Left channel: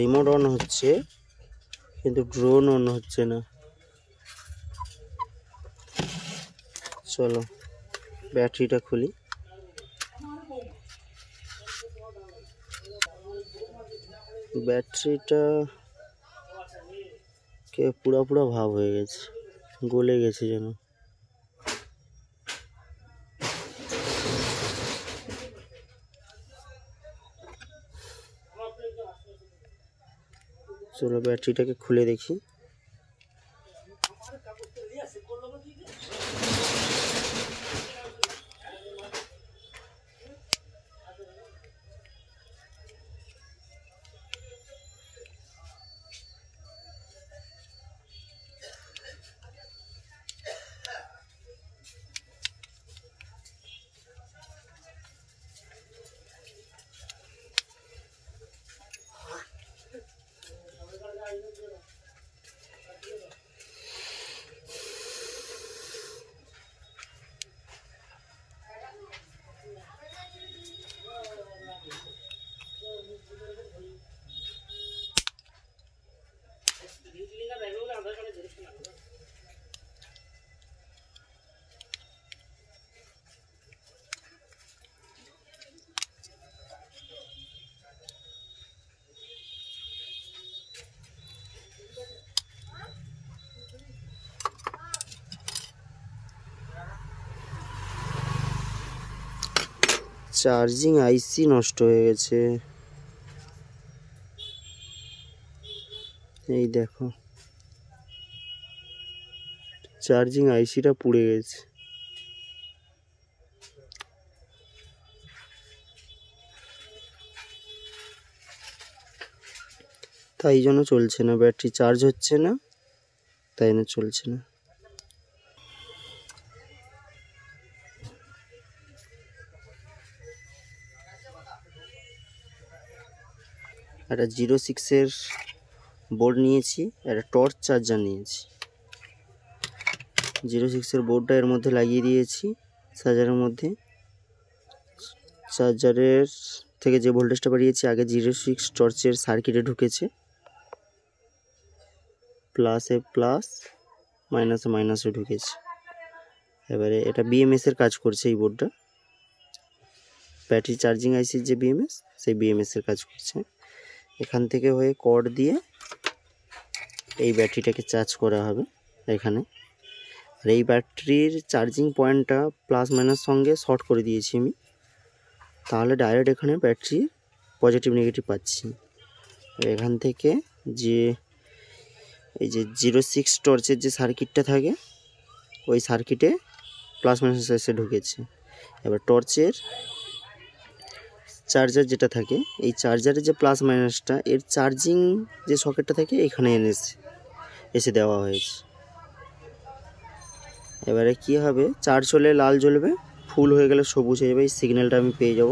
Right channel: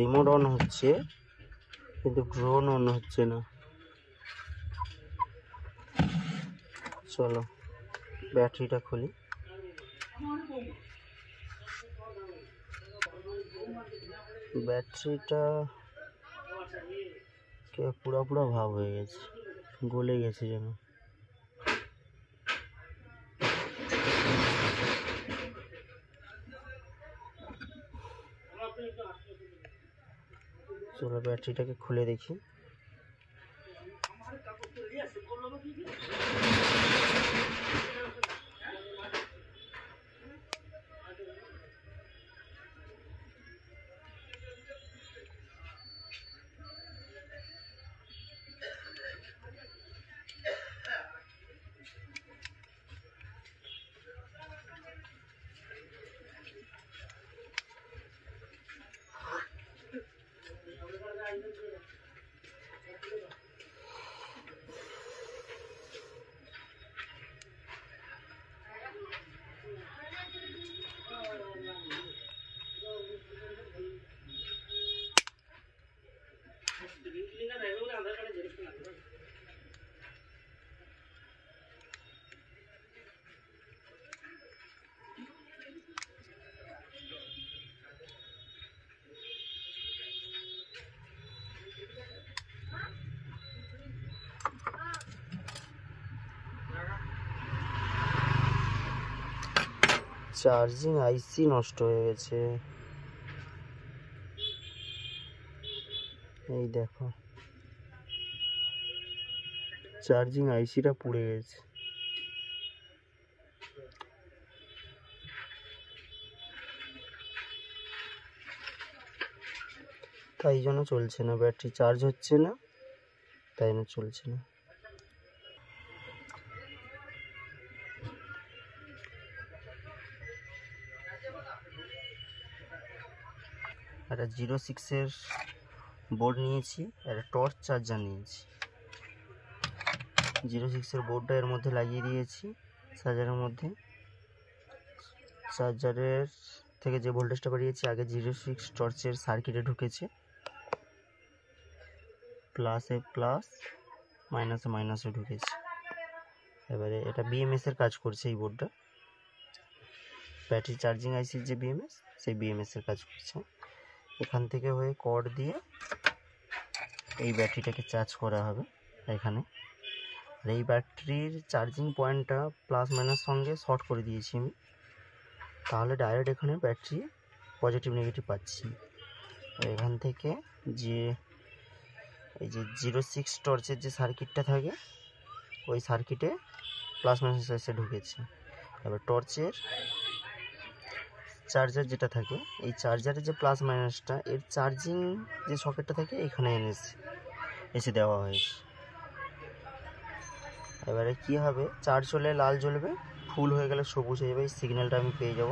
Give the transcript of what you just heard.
Remote on হচ্ছে কিন্তু drone on হচ্ছে না। চলো ব্যাটারিটা খুলি। ব্যাটারিটা পুরা পুরা ভাব হয়ে গেছে, গলে গেছে যেন। চলো ব্যাটারিটাকে খুলে দেখি। চার্জিং আইসি নষ্ট হয়ে গেছে, এই দেখো চার্জিং আইসিটা পুড়ে গেছে। তাই জন্য চলছে না, ব্যাটারি চার্জ হচ্ছে না, তাই না চলছে না। একটা 06-এর বোর্ড নিয়েছি, একটা টর্চ চার্জার নিয়েছি। 06-এর বোর্ডটা এর মধ্যে লাগিয়ে দিয়েছি চার্জারের মধ্যে। চার্জারের থেকে যে ভোল্টেজটা বাড়িয়েছি আগে 06 টর্চের সার্কিটে ঢুকেছে, প্লাসে প্লাস মাইনাসে মাইনাসে ঢুকেছে। এবারে এটা বিএমএস এর কাজ করছে এই বোর্ডটা, ব্যাটারি চার্জিং আইসির যে বিএমএস, সেই বিএমএস এর কাজ করছে। এখান থেকে হয়ে কর্ড দিয়ে এই ব্যাটারিটাকে চার্জ করা হবে এখানে। আর এই ব্যাটারির চার্জিং পয়েন্টটা প্লাস মাইনাস সঙ্গে শর্ট করে দিয়েছি আমি, তাহলে ডাইরেক্ট এখানে ব্যাটারি পজিটিভ নেগেটিভ পাচ্ছি। এখান থেকে যে এই যে 06 টর্চের যে সার্কিটটা থাকে ওই সার্কিটে প্লাস মাইনাস এসে ঢুকেছে। এবার টর্চের চার্জার যেটা থাকে, এই চার্জারের যে প্লাস মাইনাসটা এর চার্জিং যে সকেটটা থাকে এখানে এসে দেওয়া হয়েছে। এবারে কি হবে, চার্জ হলে লাল জ্বলবে, ফুল হয়ে গেলে সবুজ হয়ে যাবে, এই সিগন্যালটা আমি পেয়ে যাব।